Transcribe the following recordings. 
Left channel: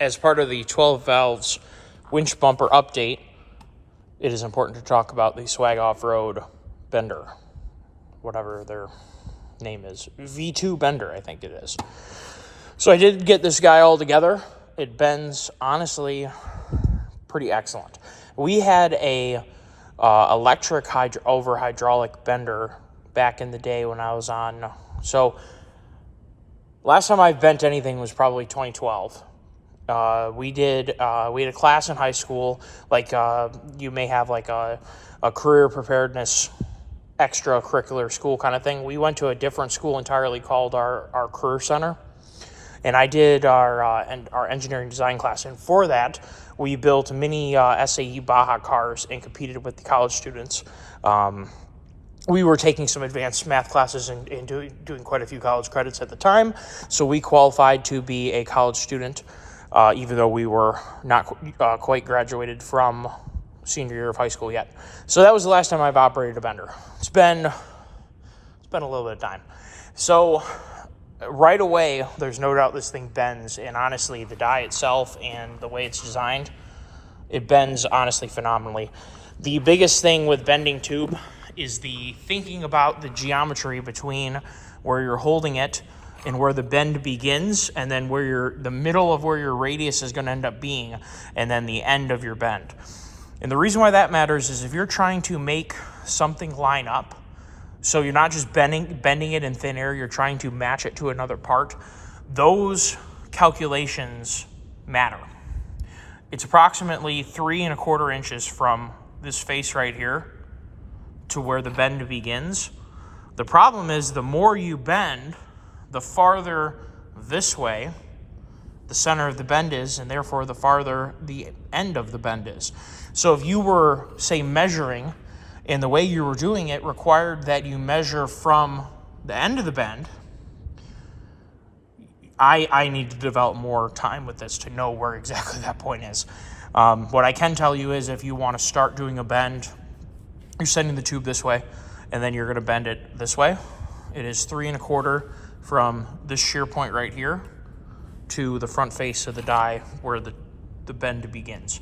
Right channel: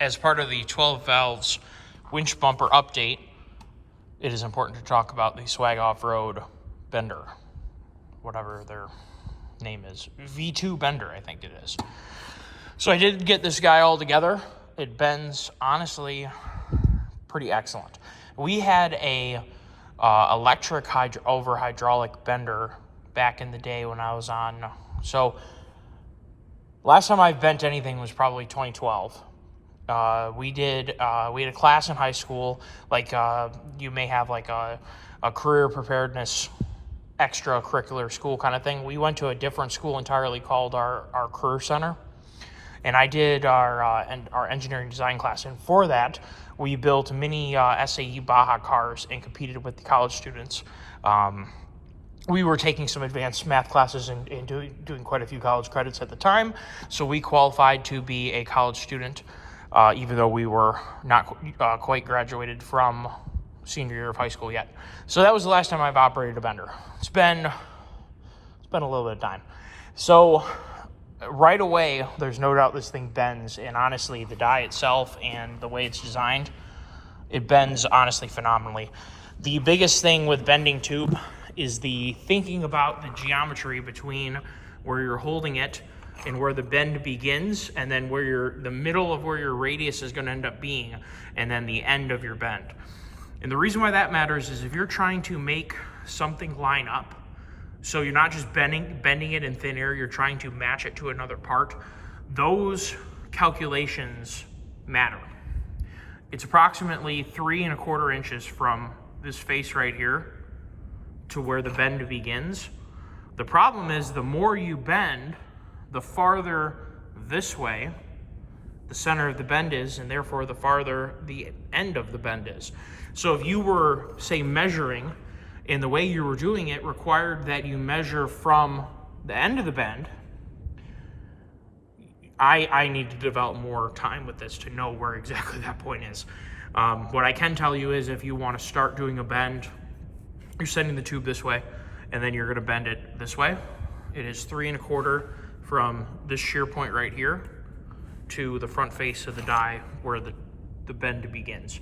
As part of the 12 valves winch bumper update, it is important to talk about the Swag Off-Road bender, whatever their name is. V2 bender, I think it is. So I did get this guy all together. It bends, honestly, pretty excellent. We had a electric over hydraulic bender back in the day when I was on. So last time I bent anything was probably 2012. We had a class in high school, like you may have like a career preparedness extracurricular school kind of thing. We went to a different school entirely called our career center, and I did our engineering design class. And for that, we built mini SAE Baja cars and competed with the college students. We were taking some advanced math classes and doing quite a few college credits at the time, so we qualified to be a college student. Even though we were not quite graduated from senior year of high school yet. So that was the last time I've operated a bender. It's been a little bit of time. So right away, there's no doubt this thing bends, and honestly, the die itself and the way it's designed, it bends honestly phenomenally. The biggest thing with bending tube is the thinking about the geometry between where you're holding it and where the bend begins, and then where the middle of where your radius is going to end up being, and then the end of your bend. And the reason why that matters is if you're trying to make something line up, so you're not just bending it in thin air, you're trying to match it to another part, those calculations matter. It's approximately 3¼ inches from this face right here to where the bend begins. The problem is the more you bend, the farther this way the center of the bend is, and therefore the farther the end of the bend is. So if you were, say, measuring, and the way you were doing it required that you measure from the end of the bend, I need to develop more time with this to know where exactly that point is. What I can tell you is if you want to start doing a bend, you're sending the tube this way, and then you're going to bend it this way. It is 3¼ from this shear point right here to the front face of the die where the bend begins.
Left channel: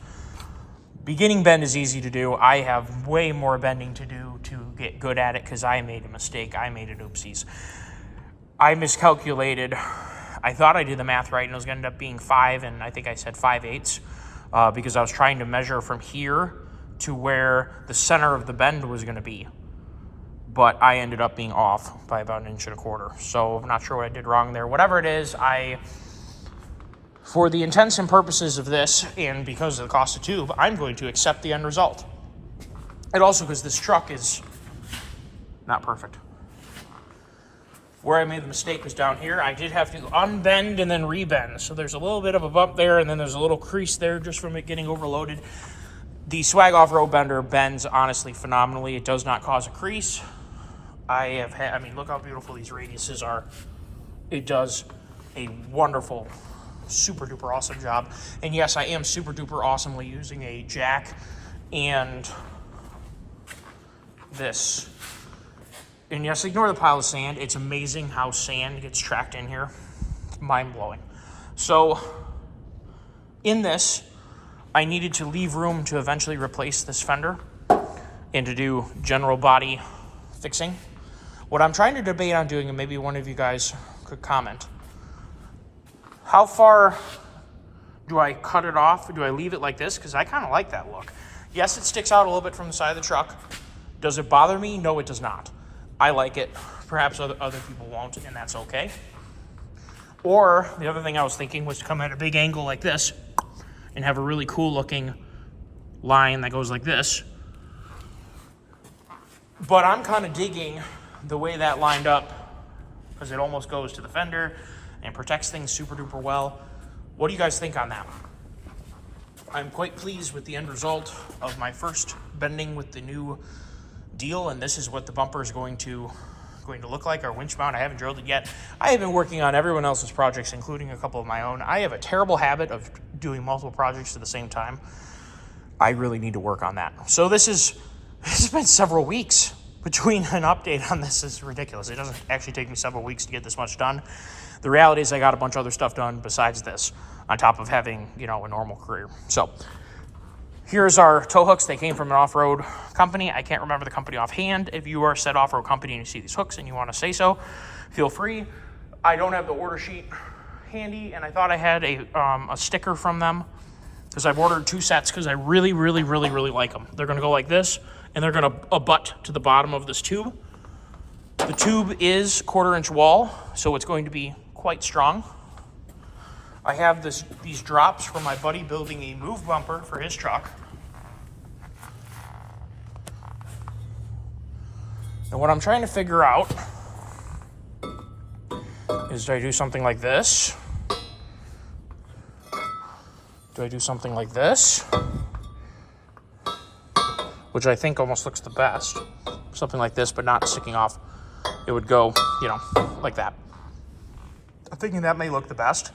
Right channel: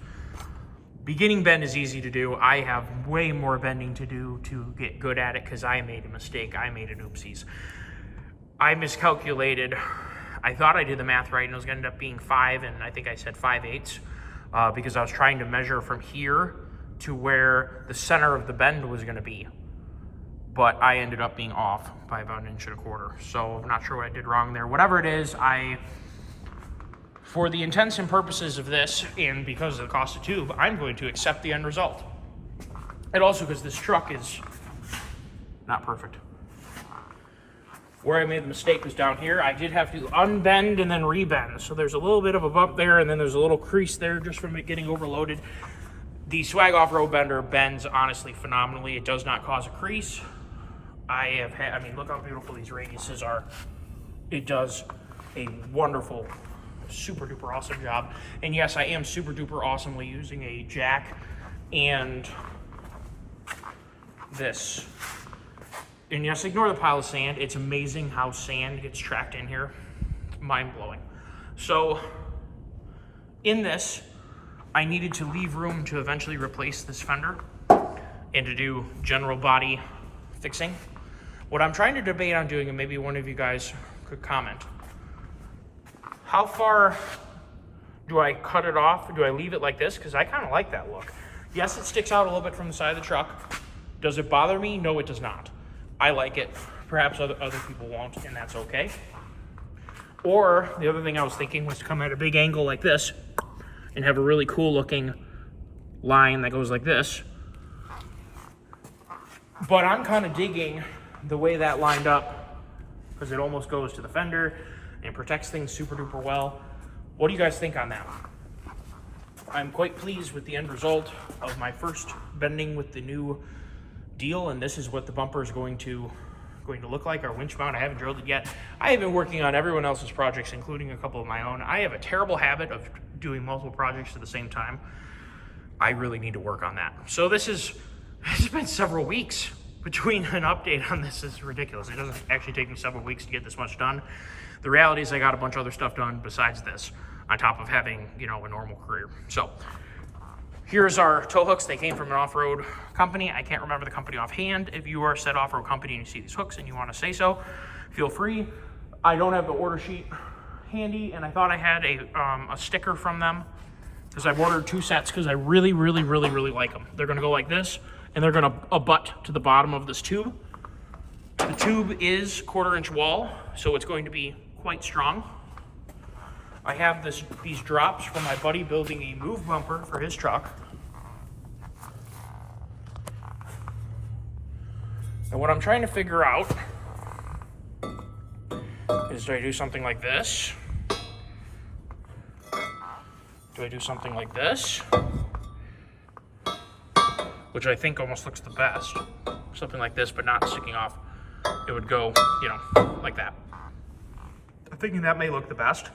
Beginning bend is easy to do. I have way more bending to do to get good at it because I made a mistake. I made an oopsies. I miscalculated. I thought I did the math right, and it was going to end up being 5, and I think I said 5/8 because I was trying to measure from here to where the center of the bend was going to be. But I ended up being off by about 1¼ inch. So I'm not sure what I did wrong there. Whatever it is, for the intents and purposes of this, and because of the cost of tube, I'm going to accept the end result. And also because this truck is not perfect. Where I made the mistake was down here. I did have to unbend and then rebend. So there's a little bit of a bump there, and then there's a little crease there just from it getting overloaded. The Swag Off-Road bender bends honestly phenomenally. It does not cause a crease. I mean, look how beautiful these radiuses are. It does a wonderful, super duper awesome job. And yes, I am super duper awesomely using a jack and this. And yes, ignore the pile of sand. It's amazing how sand gets tracked in here. It's mind-blowing. So in this, I needed to leave room to eventually replace this fender and to do general body fixing. What I'm trying to debate on doing, and maybe one of you guys could comment, how far do I cut it off? Do I leave it like this? Because I kind of like that look. Yes, it sticks out a little bit from the side of the truck. Does it bother me? No, it does not. I like it. Perhaps other people won't, and that's okay. Or the other thing I was thinking was to come at a big angle like this and have a really cool looking line that goes like this. But I'm kind of digging the way that lined up because it almost goes to the fender and protects things super duper well. What do you guys think on that one? I'm quite pleased with the end result of my first bending with the new deal, and this is what the bumper is going to look like. Our winch mount, I haven't drilled it yet. I have been working on everyone else's projects, including a couple of my own. I have a terrible habit of doing multiple projects at the same time. I really need to work on that. So this has been several weeks between an update on this. Is ridiculous. It doesn't actually take me several weeks to get this much done. The reality is I got a bunch of other stuff done besides this. on top of having, you know, a normal career. So here's our tow hooks. They came from an off-road company. I can't remember the company offhand. If you are a said off-road company and you see these hooks and you want to say so, feel free. I don't have the order sheet handy, and I thought I had a sticker from them because I've ordered 2 sets because I really like them. They're going to go like this, and they're going to abut to the bottom of this tube. The tube is 1/4-inch wall, so it's going to be quite strong. I have these drops from my buddy building a move bumper for his truck. And what I'm trying to figure out is, do I do something like this? Do I do something like this? Which I think almost looks the best. Something like this, but not sticking off. It would go, you know, like that. I'm thinking that may look the best.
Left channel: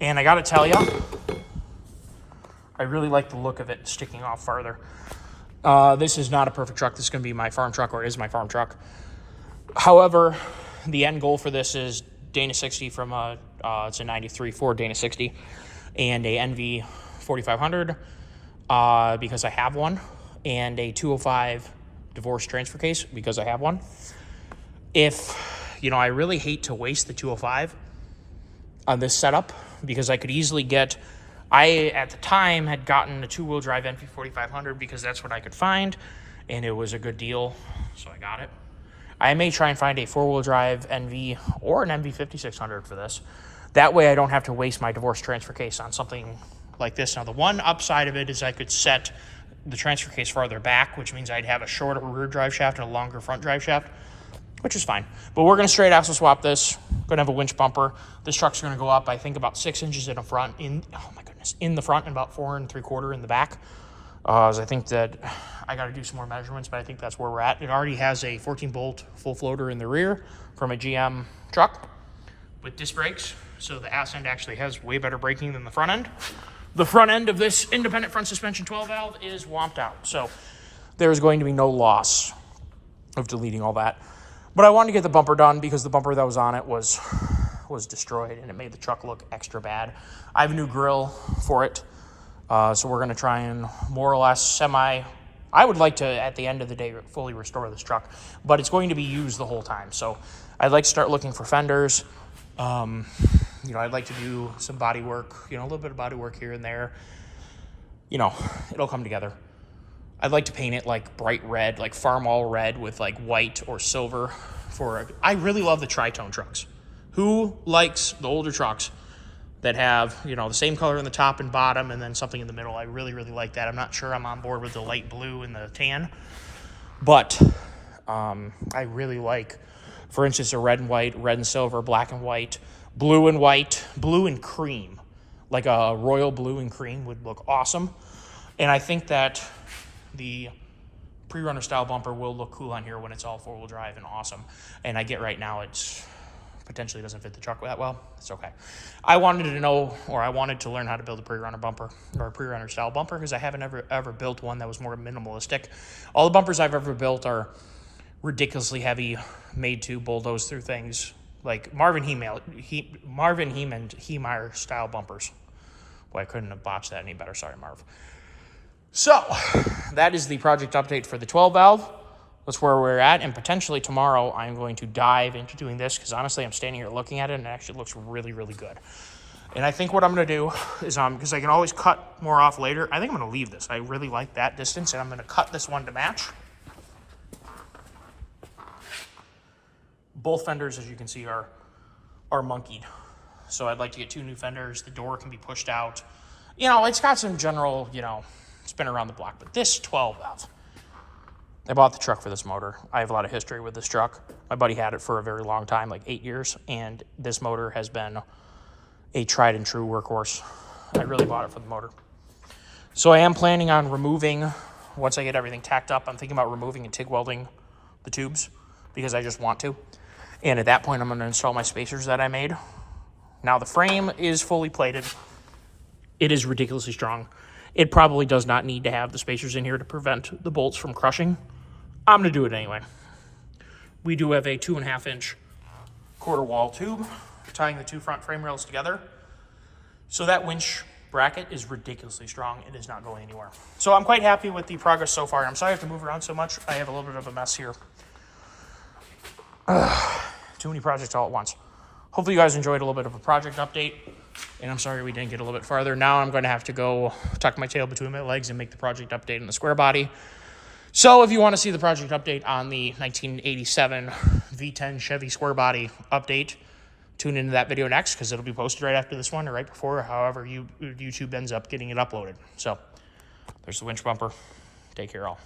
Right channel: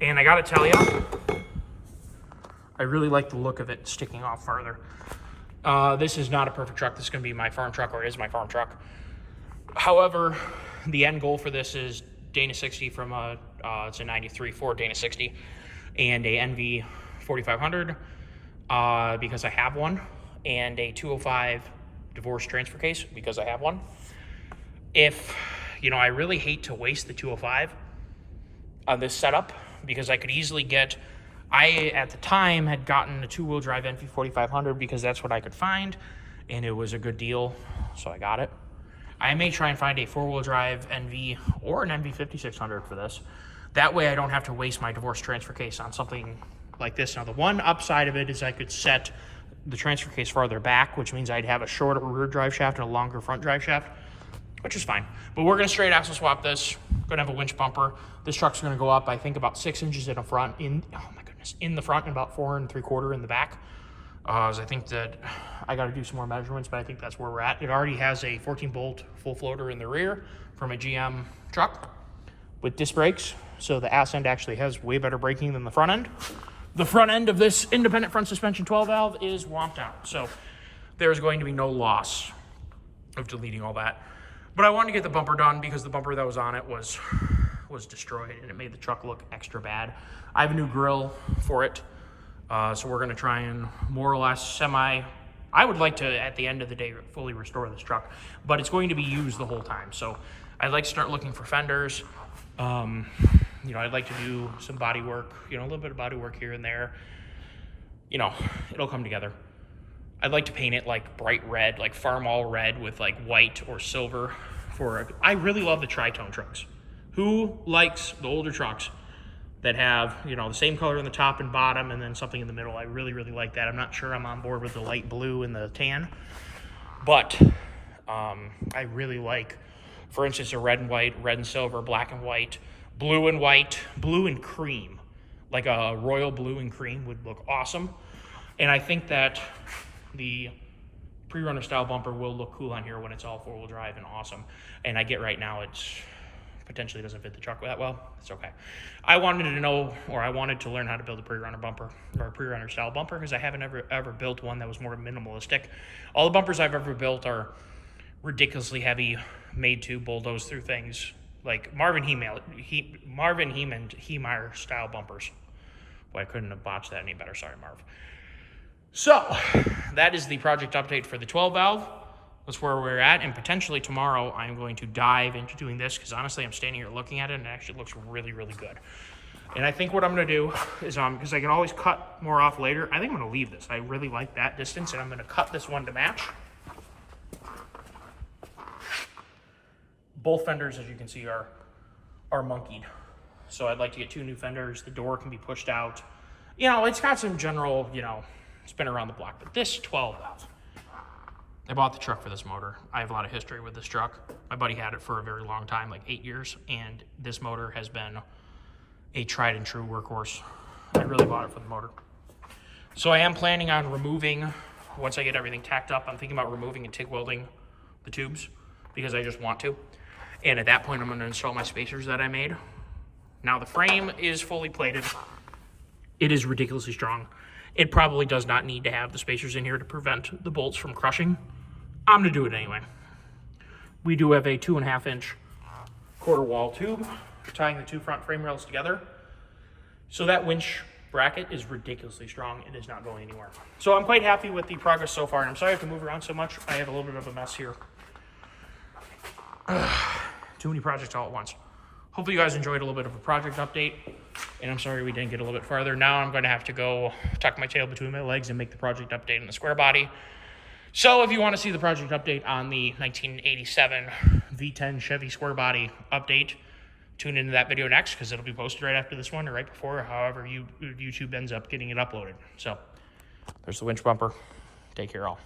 And I gotta tell you, I really like the look of it sticking off farther. This is not a perfect truck. This is gonna be my farm truck, or is my farm truck. However, the end goal for this is Dana 60 from it's a 93 Ford Dana 60 and a NV 4500 because I have one, and a 205 divorce transfer case because I have one. If, you know, I really hate to waste the 205 on this setup because I could easily get, at the time had gotten a 2-wheel drive NV 4500 because that's what I could find, and it was a good deal, so I got it. I may try and find a 4-wheel drive NV or an NV 5600 for this. That way I don't have to waste my divorce transfer case on something like this. Now, the one upside of it is I could set the transfer case farther back, which means I'd have a shorter rear drive shaft and a longer front drive shaft, which is fine. But we're gonna straight axle swap this. Gonna have a winch bumper. This truck's gonna go up, I think, about 6 inches in the front, in the front, and about 4 3/4 in the back. As I think that I gotta do some more measurements, but I think that's where we're at. It already has a 14-bolt full floater in the rear from a GM truck with disc brakes. So the ass end actually has way better braking than the front end. The front end of this independent front suspension 12-valve is womped out. So there's going to be no loss of deleting all that. But I wanted to get the bumper done because the bumper that was on it was destroyed, and it made the truck look extra bad. I have a new grill for it, so we're going to try and more or less I would like to, at the end of the day, fully restore this truck, but it's going to be used the whole time. So I'd like to start looking for fenders. You know, I'd like to do some body work, you know, a little bit of body work here and there. You know, it'll come together. I'd like to paint it like bright red, like farm all red with like white or silver I really love the tritone trucks. Who likes the older trucks that have, you know, the same color in the top and bottom and then something in the middle? I really like that. I'm not sure I'm on board with the light blue and the tan, but I really like, for instance, a red and white, red and silver, black and white, blue and white, blue and cream. Like a royal blue and cream would look awesome. And I think that the pre-runner style bumper will look cool on here when it's all 4-wheel drive and awesome. And I get right now it's potentially doesn't fit the truck that well. It's okay. I wanted to learn how to build a pre-runner bumper or a pre-runner style bumper because I haven't ever built one that was more minimalistic. All the bumpers I've ever built are ridiculously heavy, made to bulldoze through things like Marvin Heemeyer style bumpers. Boy, I couldn't have botched that any better. Sorry, Marv. So that is the project update for the 12-valve. That's where we're at, and potentially tomorrow I'm going to dive into doing this because honestly I'm standing here looking at it and it actually looks really good. And I think what I'm going to do is, because I can always cut more off later, I think I'm going to leave this. I really like that distance, and I'm going to cut this one to match. Both fenders, as you can see, are monkeyed. So I'd like to get 2 new fenders. The door can be pushed out. You know, it's got some general, you know, spin around the block, but this 12-valve. I bought the truck for this motor. I have a lot of history with this truck. My buddy had it for a very long time, like 8 years, and this motor has been a tried and true workhorse. I really bought it for the motor. So I am planning on removing, once I get everything tacked up, I'm thinking about removing and TIG welding the tubes because I just want to. And at that point, I'm going to install my spacers that I made. Now the frame is fully plated. It is ridiculously strong. It probably does not need to have the spacers in here to prevent the bolts from crushing. I'm going to do it anyway. We do have a 2.5-inch quarter wall tube tying the 2 front frame rails together. So that winch bracket is ridiculously strong. It is not going anywhere. So I'm quite happy with the progress so far. I'm sorry I have to move around so much. I have a little bit of a mess here. Too many projects all at once. Hopefully you guys enjoyed a little bit of a project update. And I'm sorry we didn't get a little bit farther. Now I'm going to have to go tuck my tail between my legs and make the project update in the square body. So if you want to see the project update on the 1987 V10 Chevy square body update, tune into that video next, because it'll be posted right after this one or right before, however YouTube ends up getting it uploaded. So there's the winch bumper. Take care all.